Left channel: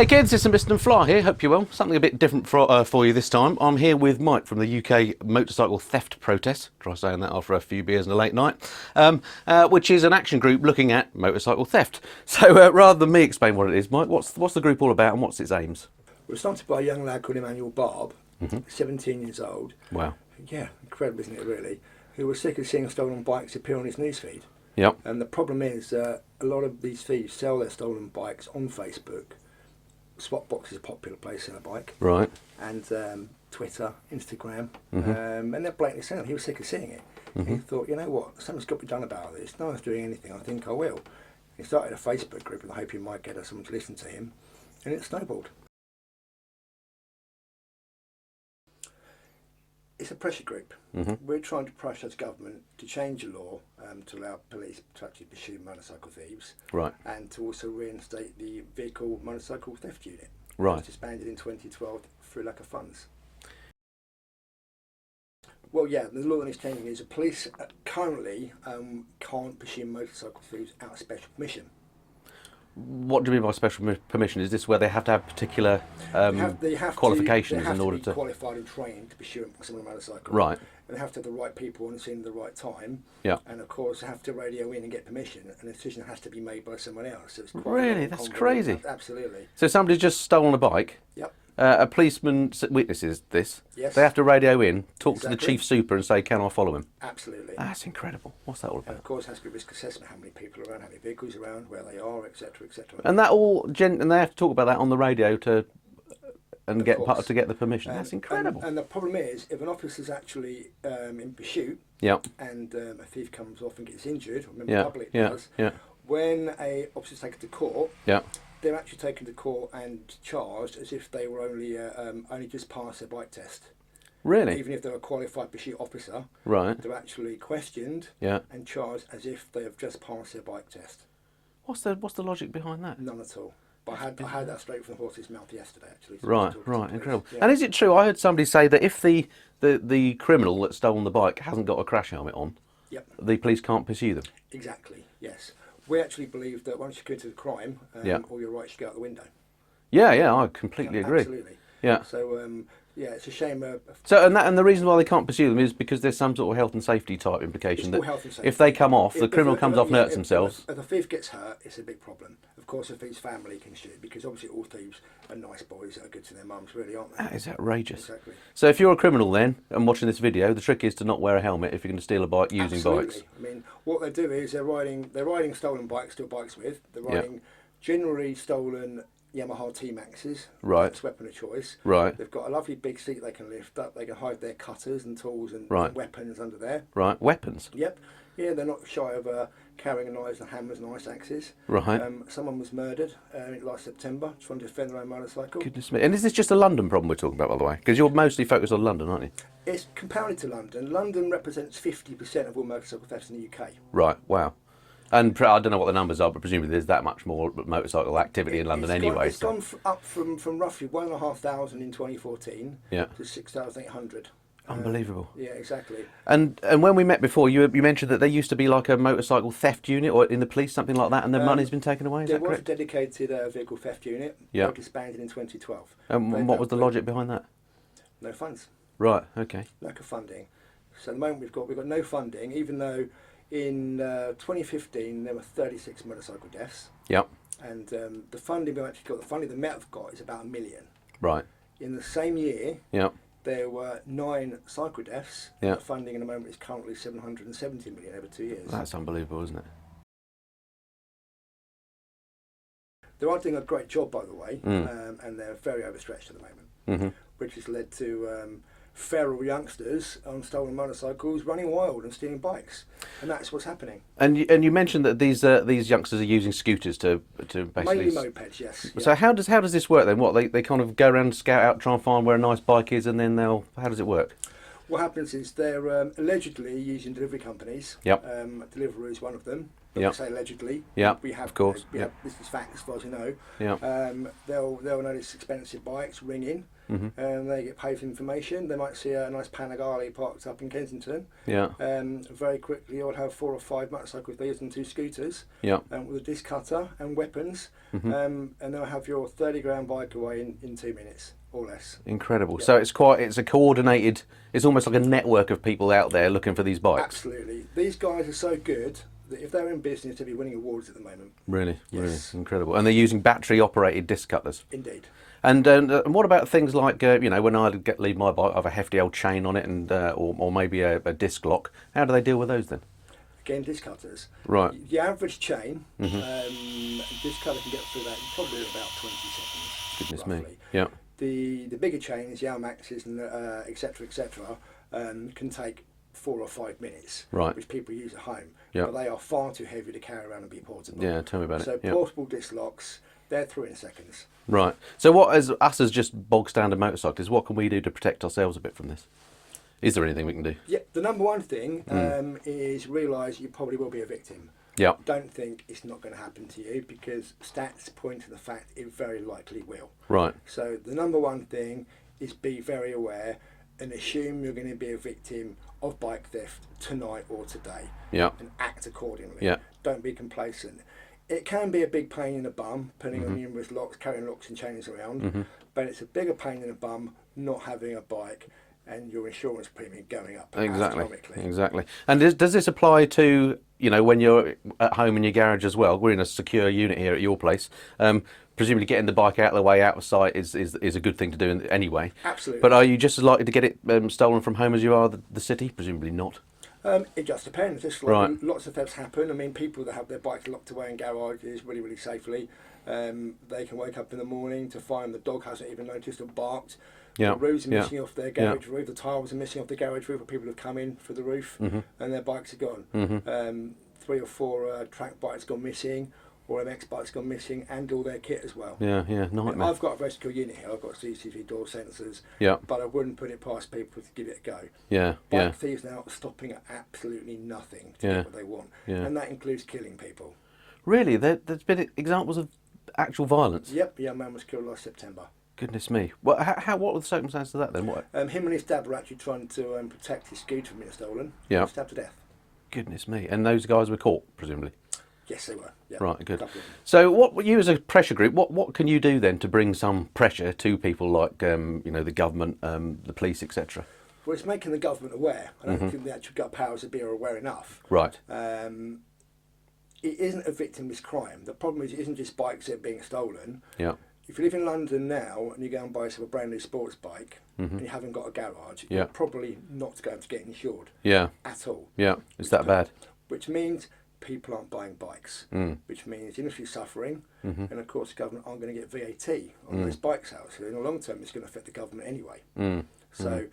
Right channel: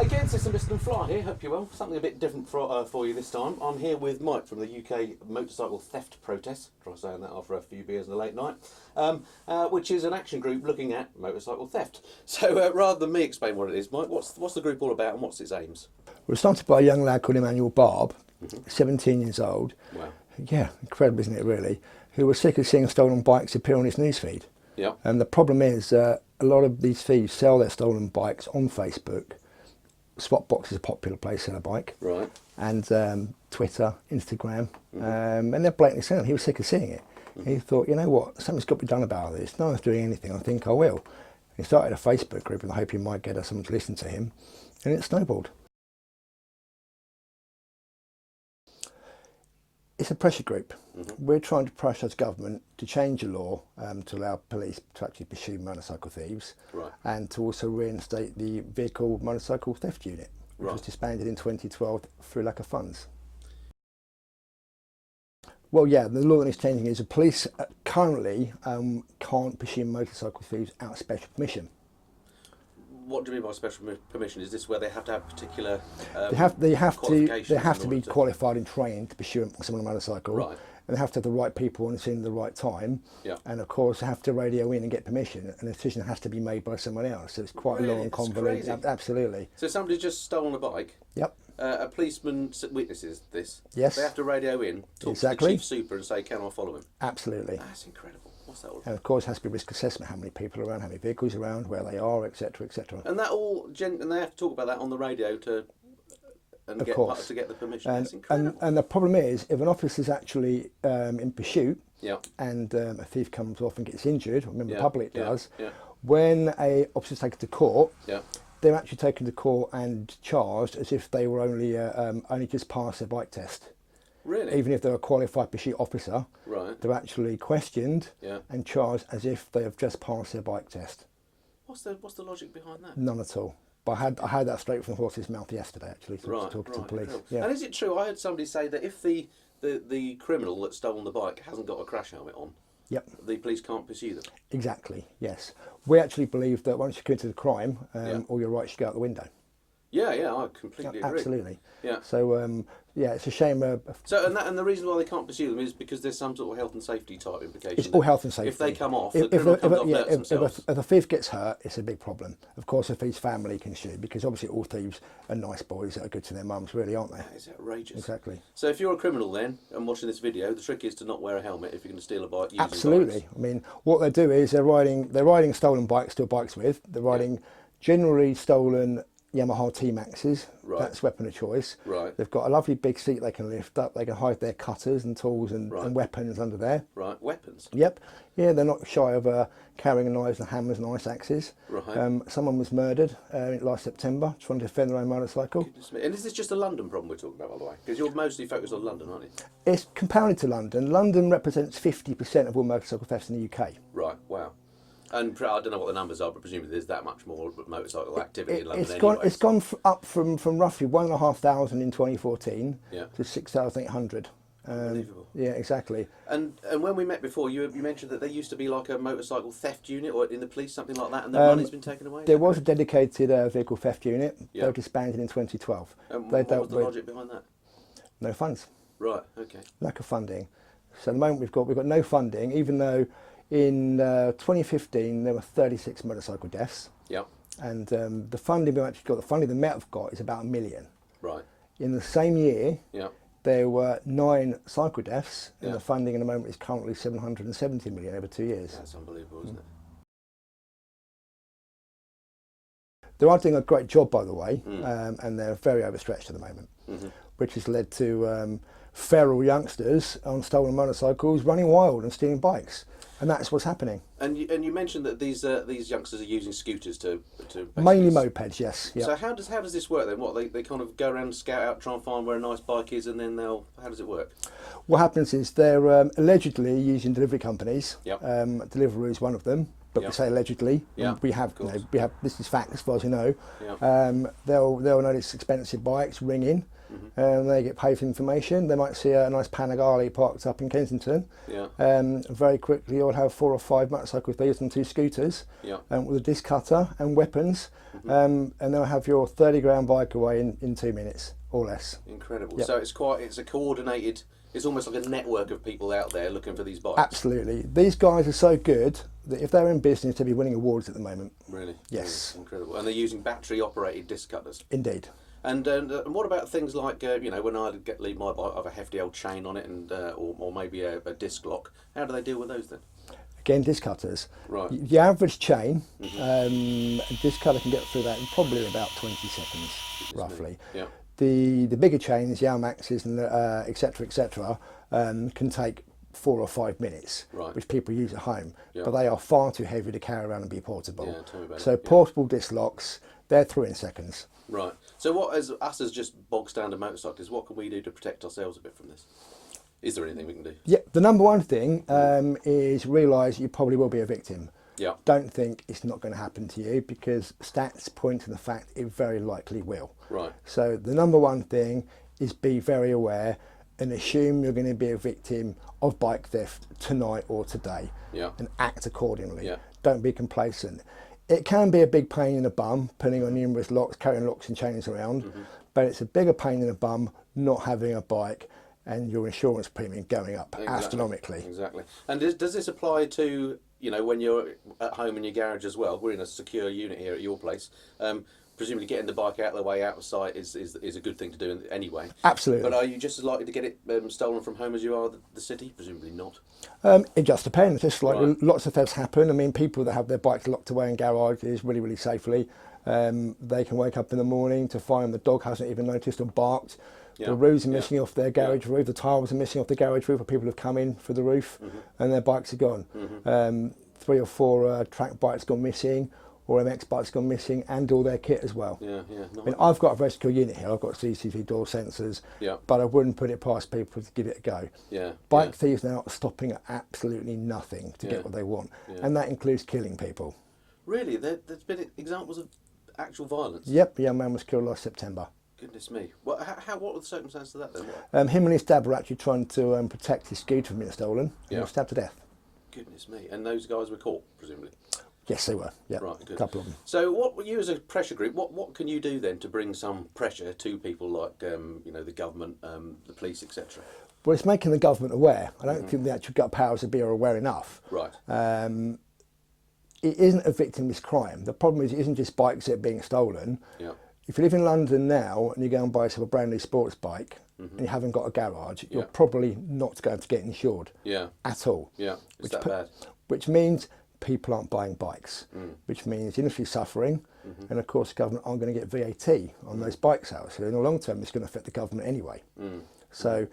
Hey kids, it's Mr. Fly here, hope you're well. Something a bit different for you this time. I'm here with Mike from the UK Motorcycle Theft Protest, try saying that after a few beers and a late night, which is an action group looking at motorcycle theft. So rather than me explain what it is, Mike, what's the group all about and what's its aims? Well, started by a young lad called Emmanuel Barb, 17 years old. Wow. Yeah, incredible, isn't it, really? Who was sick of seeing stolen bikes appear on his newsfeed. Yep. And the problem is a lot of these thieves sell their stolen bikes on Facebook. Swapbox is a popular place to sell a bike. Right. And Twitter, Instagram, and they're blatantly selling. He was sick of seeing it. He thought, you know what, something's got to be done about this. No one's doing anything. I think I will. He started a Facebook group in the hope he might get someone to listen to him, and it snowballed. It's a pressure group. We're trying to pressure the government to change the law to allow police to actually pursue motorcycle thieves, Right. and to also reinstate the vehicle motorcycle theft unit, Right. which was disbanded in 2012 through lack of funds. Well, yeah, the law that is changing is the police currently can't pursue motorcycle thieves without special permission. What do you mean by special permission? Is this where they have to have particular They have qualifications to, they have in to order be to... qualified and trained to pursue someone on a motorcycle. Right. And they have to have the right people on the scene at the right time. Yeah. And of course, they have to radio in and get permission, and the decision has to be made by someone else. So it's quite Really? a long, That's convoluted- crazy. Absolutely. So somebody's just stolen a bike. Yep. A policeman witnesses this. Yes. They have to radio in, talk to the Exactly. chief super and say, can I follow him? Absolutely. That's incredible. What's that all And about? of course, it has to be risk assessment: how many people are around, how many vehicles are around, where they are, etc., etc. And that all, and they have to talk about that on the radio to Of get course. to get the permission. That's incredible. And the problem is, if an officer's actually in pursuit, Yeah. and a thief comes off and gets injured, remember Yeah. public Yeah. does, Yeah. when a officer's taken to court, Yeah. they're actually taken to court and charged as if they were only just passed their bike test. Really? Even if they're a qualified pursuit officer, Right. they're actually questioned Yeah. and charged as if they have just passed their bike test. What's the logic behind that? None at all. But I had that straight from the horse's mouth yesterday, actually. So Right. talking to Right. police. Incredible. Yeah. And is it true? I heard somebody say that if the criminal that's stolen the bike hasn't got a crash helmet on, Yep. the police can't pursue them. Exactly. Yes. We actually believe that once you committed a crime, Yeah. all your rights should go out the window. Yeah. Yeah. I completely agree. Absolutely. Yeah. So yeah, it's a shame. So and the reason why they can't pursue them is because there's some sort of health and safety type implication. It's all health and safety. If they come off, the criminal comes off and hurts themselves. If a thief gets hurt, it's a big problem. Of course, if his family can sue, because obviously all thieves are nice boys that are good to their mums, really, aren't they? That is outrageous. Exactly. So if you're a criminal then and watching this video, the trick is to not wear a helmet if you're going to steal a bike using Absolutely. bikes. I mean, what they do is they're riding stolen bikes, steal bikes with. They're riding generally stolen Yamaha T-Maxes. Right. That's weapon of choice. Right. They've got a lovely big seat they can lift up. They can hide their cutters and tools and weapons under there. Right. Weapons. Yep. Yeah, they're not shy of carrying knives and hammers and ice axes. Right. Someone was murdered last September trying to defend their own motorcycle. Goodness me. And is this just a London problem we're talking about, by the way? Because you're mostly focused on London, aren't you? It's compounded to London. London represents 50% of all motorcycle thefts in the UK. Right. Wow. And I don't know what the numbers are, but presumably there's that much more motorcycle activity in London anyway. It's gone up from roughly 1,500 in 2014 Yeah. to 6,800. Unbelievable. Yeah, exactly. And when we met before, you mentioned that there used to be like a motorcycle theft unit or in the police, something like that, and the money's been taken away. Is There that was a correct? dedicated vehicle theft unit. Yeah. They disbanded in 2012. And They what was dealt the with logic behind that? No funds. Right. Okay. Lack of funding. So at the moment we've got no funding, even though in 2015 there were 36 motorcycle deaths, Yep. and the funding we actually got, the funding the Met have got is about £1 million. Right. In the same year, Yep. there were 9 cycle deaths, Yeah. and the funding in the moment is currently 770 million over 2 years. That's unbelievable, isn't it? They are doing a great job, by the way, and they're very overstretched at the moment, which has led to feral youngsters on stolen motorcycles running wild and stealing bikes, and that's what's happening. And you mentioned that these youngsters are using scooters to basically... Mainly mopeds, yes. So how does this work then? What they kind of go around, scout out, try and find where a nice bike is, and then how does it work? What happens is they're allegedly using delivery companies. Yep. Deliveroo is one of them. but Yep. we say allegedly. Yeah, We have, of course. we have, this is fact as far as we know. Yeah. They'll notice expensive bikes, ring in, and they get paid for information. They might see a nice Panigale parked up in Kensington. Yeah. Very quickly you'll have 4 or 5 motorcycle thieves and 2 scooters, Yeah. with a disc cutter and weapons, and they'll have your 30 grand bike away in 2 minutes or less. Incredible. Yep. So it's a coordinated. It's almost like a network of people out there looking for these bikes. Absolutely. These guys are so good that if they're in business, they'll be winning awards at the moment. Really. Yes. Really incredible. And they're using battery-operated disc cutters. Indeed. And what about things like when I leave my bike, I have a hefty old chain on it, and or maybe a disc lock. How do they deal with those then? Again, disc cutters. Right. The average chain, a disc cutter can get through that in probably about 20 seconds, Goodness roughly. me. Yeah. The bigger chains, the Almaxes and etc., can take 4 or 5 minutes, Right. which people use at home. Yeah. But they are far too heavy to carry around and be portable. Yeah. Tell me about So it. Yeah. portable disc locks, they're through in seconds. Right. So what, as us as just bog standard motorcyclists, what can we do to protect ourselves a bit from this? Is there anything we can do? Yeah, the number one thing is realise you probably will be a victim. Yeah. Don't think it's not going to happen to you, because stats point to the fact it very likely will. Right. So the number one thing is be very aware and assume you're going to be a victim of bike theft tonight or today. Yeah. And act accordingly. Yeah. Don't be complacent. It can be a big pain in the bum, depending on numerous locks, carrying locks and chains around, but it's a bigger pain in the bum not having a bike and your insurance premium going up astronomically. Exactly. And does this apply to, when you're at home in your garage as well? We're in a secure unit here at your place. Presumably getting the bike out of the way, out of sight, is a good thing to do anyway. Absolutely. But are you just as likely to get it stolen from home as you are the city? Presumably not. It just depends. Just like Right. lots of thefts happen. I mean, people that have their bikes locked away in garages really, really safely, they can wake up in the morning to find the dog hasn't even noticed or barked. Yeah. The roofs are Yeah. missing off their garage roof. The tiles are missing off the garage roof, where people have come in for the roof, and their bikes are gone. 3 or 4 track bikes gone missing, or MX bikes gone missing, and all their kit as well. Yeah. I mean, Nightmare. I've got a very secure unit here. I've got CCTV door sensors, Yeah. but I wouldn't put it past people to give it a go. Yeah. Bike thieves now are stopping at absolutely nothing to Yeah. get what they want, Yeah. and that includes killing people. Really? There's been examples of actual violence? Yep, a young man was killed last September. Goodness me. Well, what were the circumstances of that then? What? Him and his dad were actually trying to protect his scooter from being stolen. He Yeah. was stabbed to death. Goodness me. And those guys were caught, presumably? Yes, they were. Yep. Right, good. A couple of them. So, what you as a pressure group, what can you do then to bring some pressure to people like the government, the police, etc.? Well, it's making the government aware. I don't think the actual gut powers that be are aware enough. Right. It isn't a victimless crime. The problem is it isn't just bikes that are being stolen. Yeah. If you live in London now and you go and buy yourself a brand new sports bike and you haven't got a garage, Yeah. you're probably not going to get insured Yeah. at all. Yeah. Is that bad? Which means people aren't buying bikes, which means the industry's suffering, and of course the government aren't going to get VAT on those bike sales. So in the long term, it's going to affect the government anyway. So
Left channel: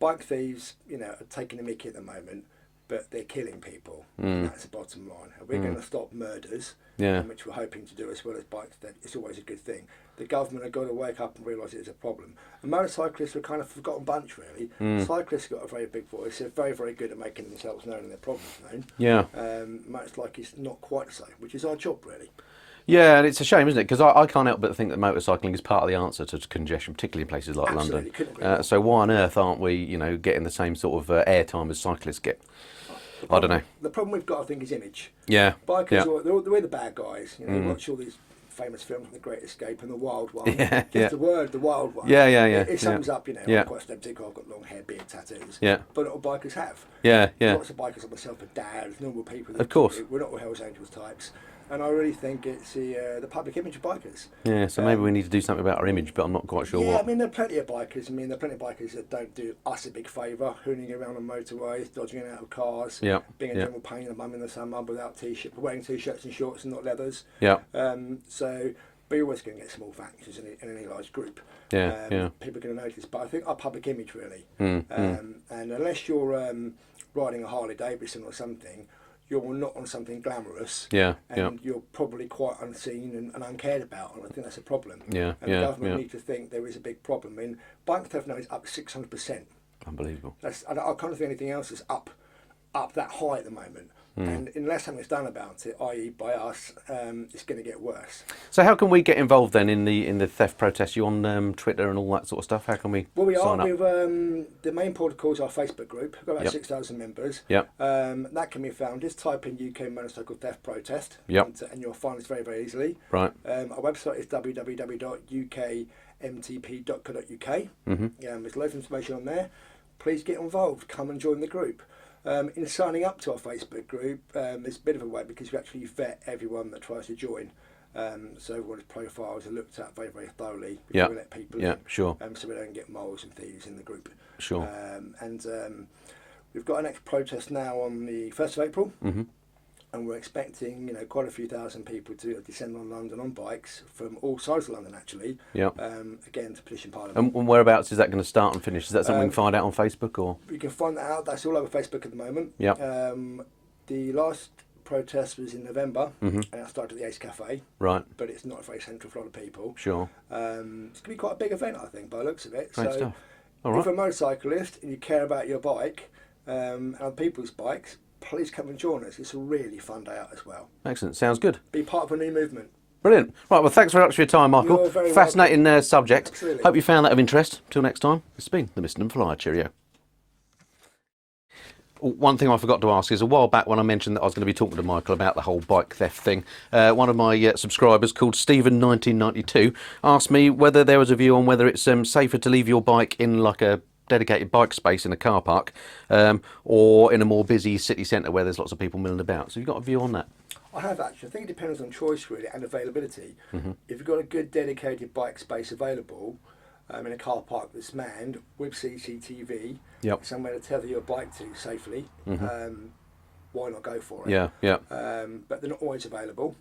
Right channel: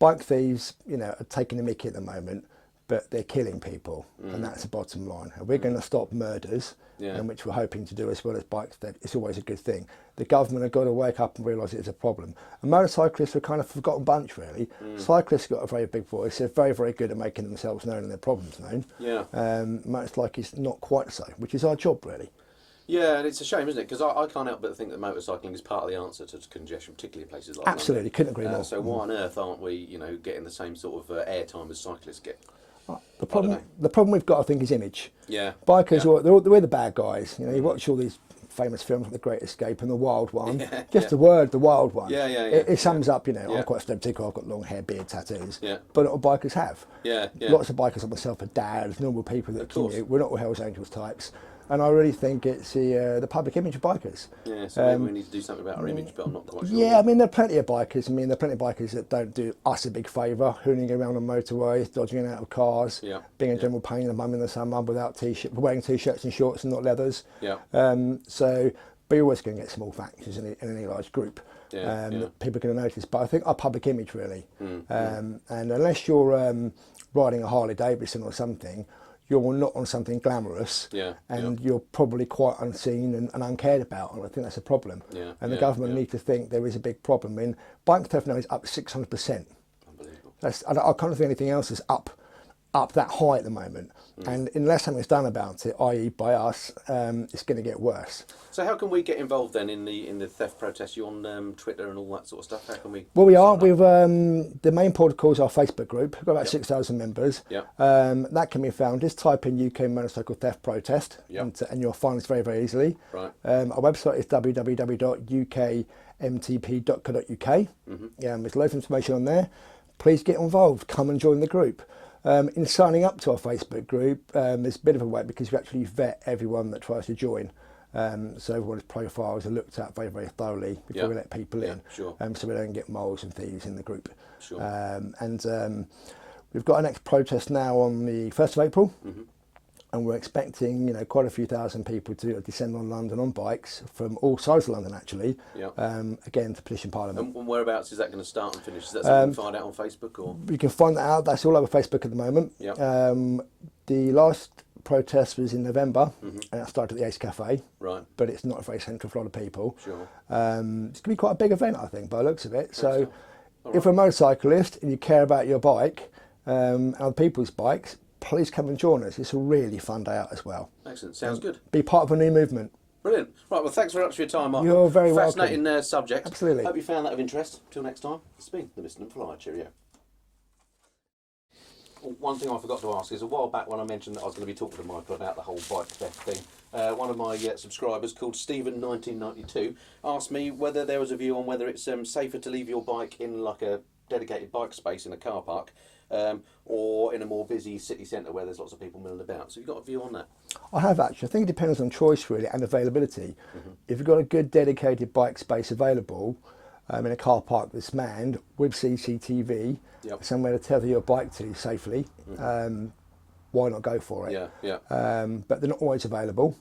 bike thieves, are taking the mickey at the moment, but they're killing people, and that's the bottom line. And we're going to stop murders, Yeah. which we're hoping to do as well as bike theft. It's always a good thing. The government have got to wake up and realise it's a problem. And motorcyclists are kind of a forgotten bunch, really. Cyclists got a very big voice. They're very, very good at making themselves known and their problems known. Yeah. Motorcyclists not quite so, which is our job, really. Yeah, and it's a shame, isn't it? Because I can't help but think that motorcycling is part of the answer to congestion, particularly in places like Absolutely, London. couldn't agree more. So why on earth aren't we, getting the same sort of airtime as cyclists get? I don't know. The problem we've got, I think, is image. Yeah. Bikers, Yeah. they're the bad guys. You watch all these famous films like The Great Escape and The Wild One. Yeah, Just yeah. the word, The Wild One. Yeah. It sums up, Yeah. I'm quite stereotypical, I've got long hair, beard, tattoos. Yeah. But a lot of bikers have. Yeah. Lots of bikers like myself are dads, normal people. That Of course. We're not all Hells Angels types. And I really think it's the public image of bikers. Yeah, so maybe we need to do something about our image, but I'm not quite sure Yeah, what. I mean, there are plenty of bikers. There are plenty of bikers that don't do us a big favour, hooning around on motorways, dodging in and out of cars, Yeah, being a yeah. general pain in the bum in the summer without wearing t-shirts and shorts and not leathers. Yeah. So, but you're always going to get small factors in any large group. Yeah. People are going to notice. But I think our public image, really. Mm, And unless you're riding a Harley Davidson or something, you're not on something glamorous, Yeah, and you're probably quite unseen and uncared about, and I think that's a problem. Yeah, and yeah, the government yeah. need to think there is a big problem. I mean, bike theft now is up 600%. Unbelievable. I can't think anything else is up up that high at the moment. And unless something's done about it, i.e. by us, it's going to get worse. So how can we get involved then in the theft protest? You on Twitter and all that sort of stuff? How can we? Well, we are. sign up? We've the main protocol is our Facebook group. We've got about Yep. 6,000 members. Yep. That can be found. Just type in UK motorcycle theft protest, Yep. and you'll find us very, very easily. Right. Our website is www.ukmtp.co.uk. There's loads of information on there. Please get involved. Come and join the group. In signing up to our Facebook group, there's a bit of a wait because we actually vet everyone that tries to join. So everyone's profiles are looked at very, very thoroughly before we let people in. Sure. So we don't get moles and thieves in the group. Sure. We've got our next protest now on the 1st of April. And we're expecting, quite a few thousand people to descend on London on bikes from all sides of London, actually. Yep. Again, to petition Parliament. And whereabouts is that going to start and finish? Is that something you can find out on Facebook or? You can find that out. That's all over Facebook at the moment. Yep. The last protest was in November, and it started at the Ace Cafe. Right. But it's not very central for a lot of people. Sure. It's going to be quite a big event, I think, by the looks of it. Great So, stuff. All if right. you're a motorcyclist and you care about your bike and other people's bikes, please come and join us. It's a really fun day out as well. Excellent. Sounds good. Be part of a new movement. Brilliant. Right, well, thanks very much for your time, Michael. You're very Fascinating subject. Absolutely. Hope you found that of interest. Till next time, it's been the Mr. Flyer. Cheerio. One thing I forgot to ask is a while back when I mentioned that I was going to be talking to Michael about the whole bike theft thing, one of my subscribers called Stephen1992 asked me whether there was a view on whether it's safer to leave your bike in like a dedicated bike space in a car park or in a more busy city centre where there's lots of people milling about. So you've got a view on that? I have actually. I think it depends on choice really and availability. If you've got a good dedicated bike space available in a car park that's manned with CCTV, somewhere to tether your bike to safely, why not go for it? But they're not always available.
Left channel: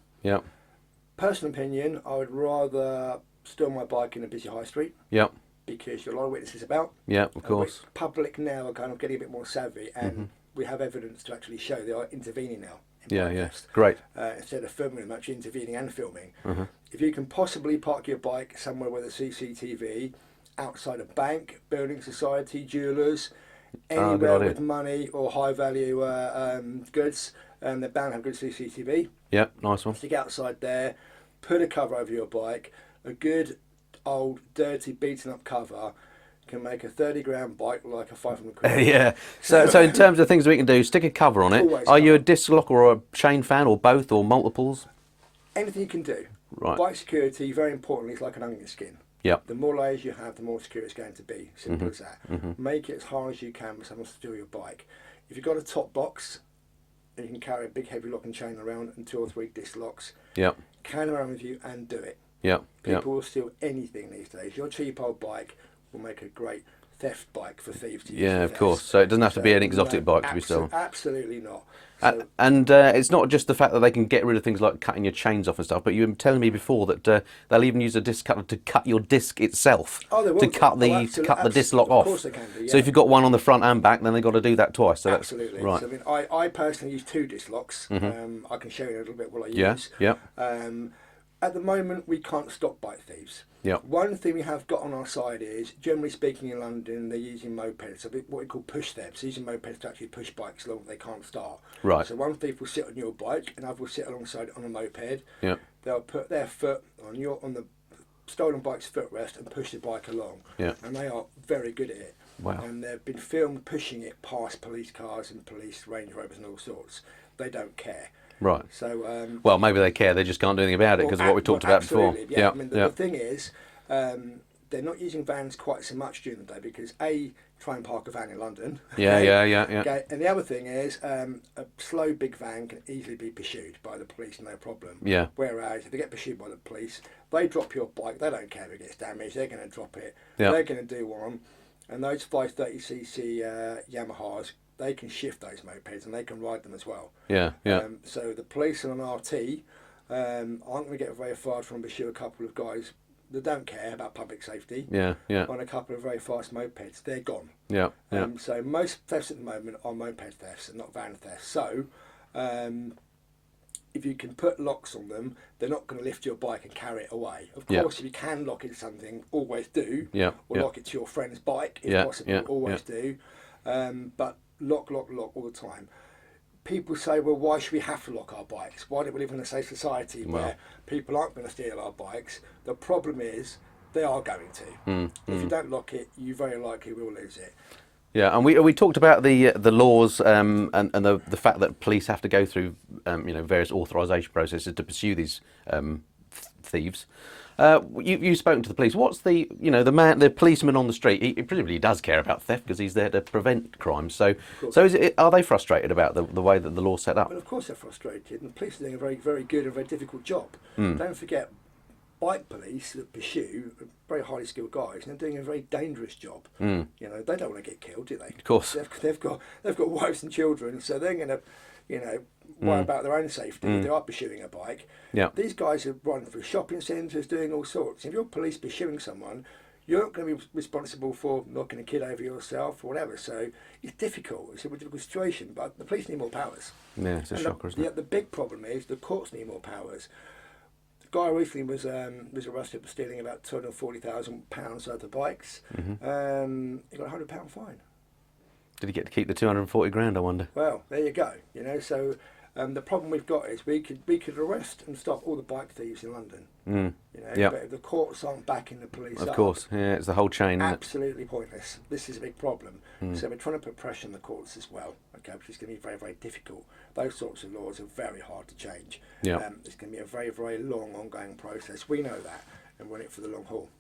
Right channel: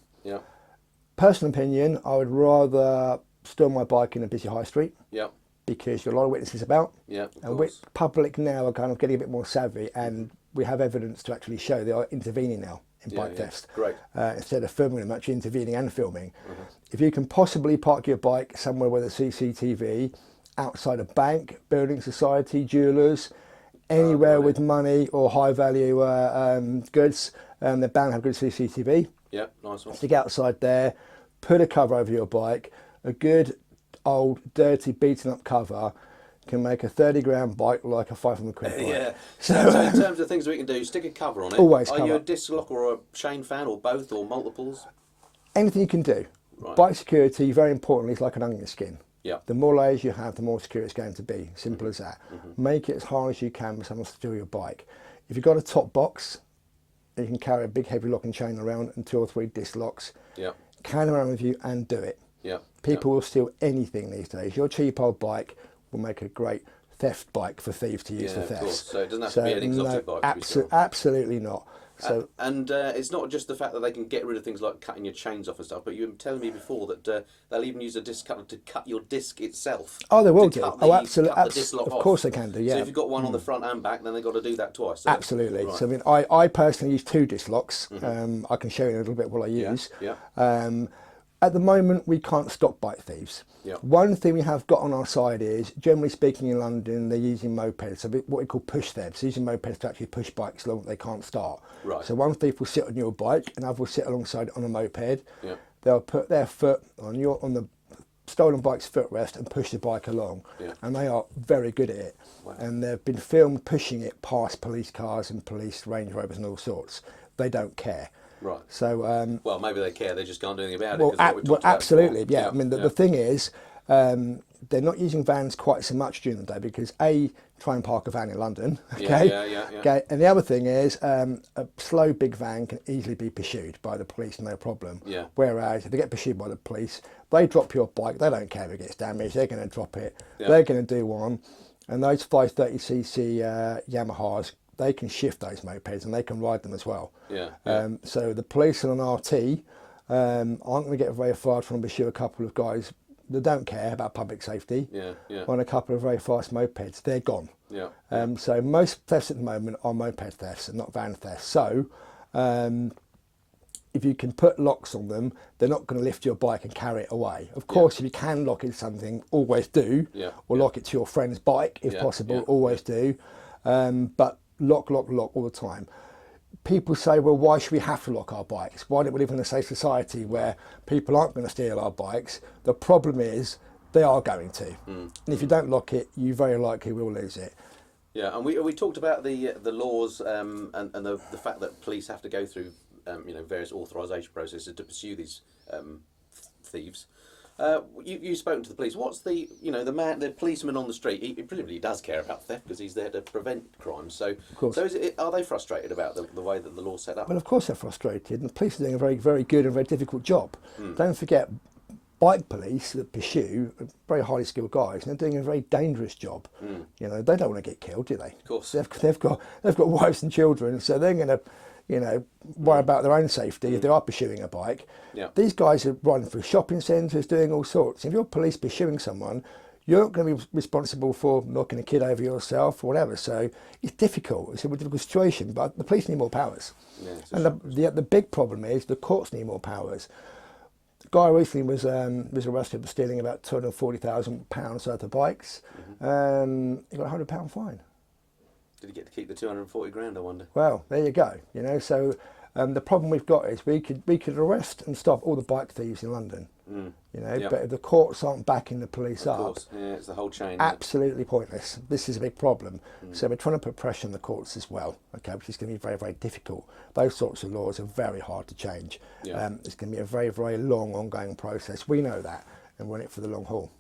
Personal opinion, I would rather store my bike in a busy high street. Because there are a lot of witnesses about. Of course. Public now are kind of getting a bit more savvy, and we have evidence to actually show they are intervening now in bike thefts. Great. Instead of filming them, actually intervening and filming. If you can possibly park your bike somewhere with a CCTV, outside a bank, building society, jewellers, anywhere with money or high value goods, they're bound to have good CCTV. Nice one. Stick outside there, put a cover over your bike, a good old, dirty, beaten up cover can make a 30-grand bike look like a 500 quid. So in terms of things we can do, stick a cover on it. Always Are you a cover. disc lock or a chain fan or both or multiples? Anything you can do. Right. Bike security, very importantly, is like an onion skin. Yep. The more layers you have, the more secure it's going to be. Simple as that. Make it as hard as you can for someone to steal your bike. If you've got a top box, you can carry a big heavy lock and chain around and 2 or 3 disc locks. Carry them around with you and do it. People will steal anything these days. Your cheap old bike will make a great theft bike for thieves to use. Of course. So it doesn't have to be an exotic bike to be stolen. Absolutely not. So, and it's not just the fact that they can get rid of things like cutting your chains off and stuff, but you were telling me before that they'll even use a disc cutter to cut your disc itself. Oh, they will to cut the disc lock off. Of course they can do. So if you've got one on the front and back, then they've got to do that twice. So absolutely. Right. So I personally use 2 disc locks. I can show you a little bit what I use. At the moment, we can't stop bike thieves. One thing we have got on our side is, generally speaking in London, they're using mopeds, so what we call push thefts, using mopeds to actually push bikes along that they can't start. Right. So one thief will sit on your bike, and other will sit alongside on a moped. They'll put their foot on the stolen bike's footrest and push the bike along. And they are very good at it. Wow. And they've been filmed pushing it past police cars and police Range Rovers and all sorts. They don't care. Right. So, well, maybe they care. They just can't do anything about it because of what we talked about absolutely, before. I mean, the thing is, they're not using vans quite so much during the day because try and park a van in London. Okay? And the other thing is, a slow big van can easily be pursued by the police, no problem. Whereas if they get pursued by the police, they drop your bike. They don't care if it gets damaged. They're going to drop it. They're going to do one, and those 530cc Yamahas, they can shift those mopeds and they can ride them as well. So the police on an RT aren't going to get very far from pursue a couple of guys that don't care about public safety. On a couple of very fast mopeds, they're gone. So most thefts at the moment are moped thefts and not van thefts. So if you can put locks on them, they're not going to lift your bike and carry it away. Of course, if you can lock it to something, always do. Or lock it to your friend's bike if possible, always do. But lock all the time. People say, well, why should we have to lock our bikes? Why don't we live in a safe society where people aren't going to steal our bikes? The problem is they are going to. And if you don't lock it, you very likely will lose it. Yeah, and we talked about the laws and the fact that police have to go through various authorisation processes to pursue these thieves. You've spoken to the police. What's the policeman on the street? He presumably does care about theft because he's there to prevent crimes. So are they frustrated about the way that the law's set up? Well, of course they're frustrated, and the police are doing a very, very good and very difficult job. Don't forget, bike police that pursue are very highly skilled guys, and they're doing a very dangerous job. You know, they don't want to get killed, do they? Of course. They've got wives and children, so they're going to, worry about their own safety if they are pursuing a bike. Yeah. These guys are running through shopping centres, doing all sorts. If you're police pursuing someone, you're not going to be responsible for knocking a kid over yourself or whatever. So it's difficult. It's a difficult situation, but the police need more powers. Yeah, it's a and shocker, isn't it? the big problem is the courts need more powers. The guy recently was arrested for stealing about £240,000 worth of bikes. He got a £100 fine. Did he get to keep the 240 grand, I wonder? Well, there you go. So the problem we've got is we could arrest and stop all the bike thieves in London. But if the courts aren't backing the police up, of course, yeah, it's the whole chain. Absolutely pointless. This is a big problem. So we're trying to put pressure on the courts as well, which is going to be very, very difficult. Those sorts of laws are very hard to change. Yeah. It's going to be a very, very long, ongoing process. We know that, and we're in it for the long haul.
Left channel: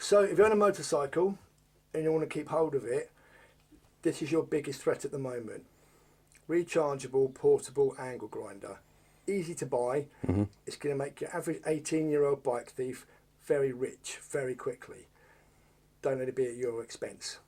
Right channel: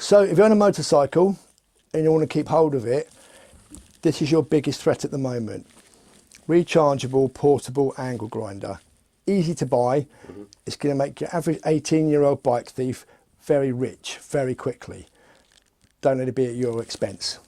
So if you're on a motorcycle and you want to keep hold of it, this is your biggest threat at the moment. Rechargeable, portable angle grinder. Easy to buy. It's going to make your average 18-year-old bike thief very rich, very quickly. Don't let it be at your expense.